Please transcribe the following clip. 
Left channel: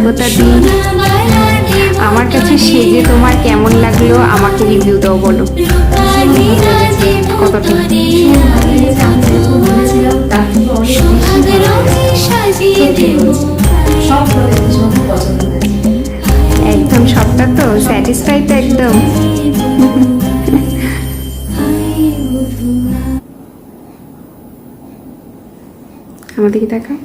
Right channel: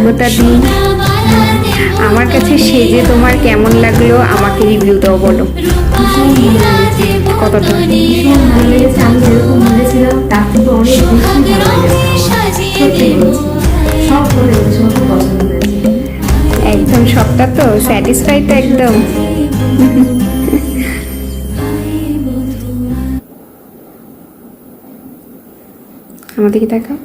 স্বাগতা দিই। আমার কাছে সেজে তোমার কেমন লাগলো আমাকে রিভিউটাও বলো। কতটা একদম সবটা তো স্যাটিসফাই তো একদম। আমাদেরকে দেখাও।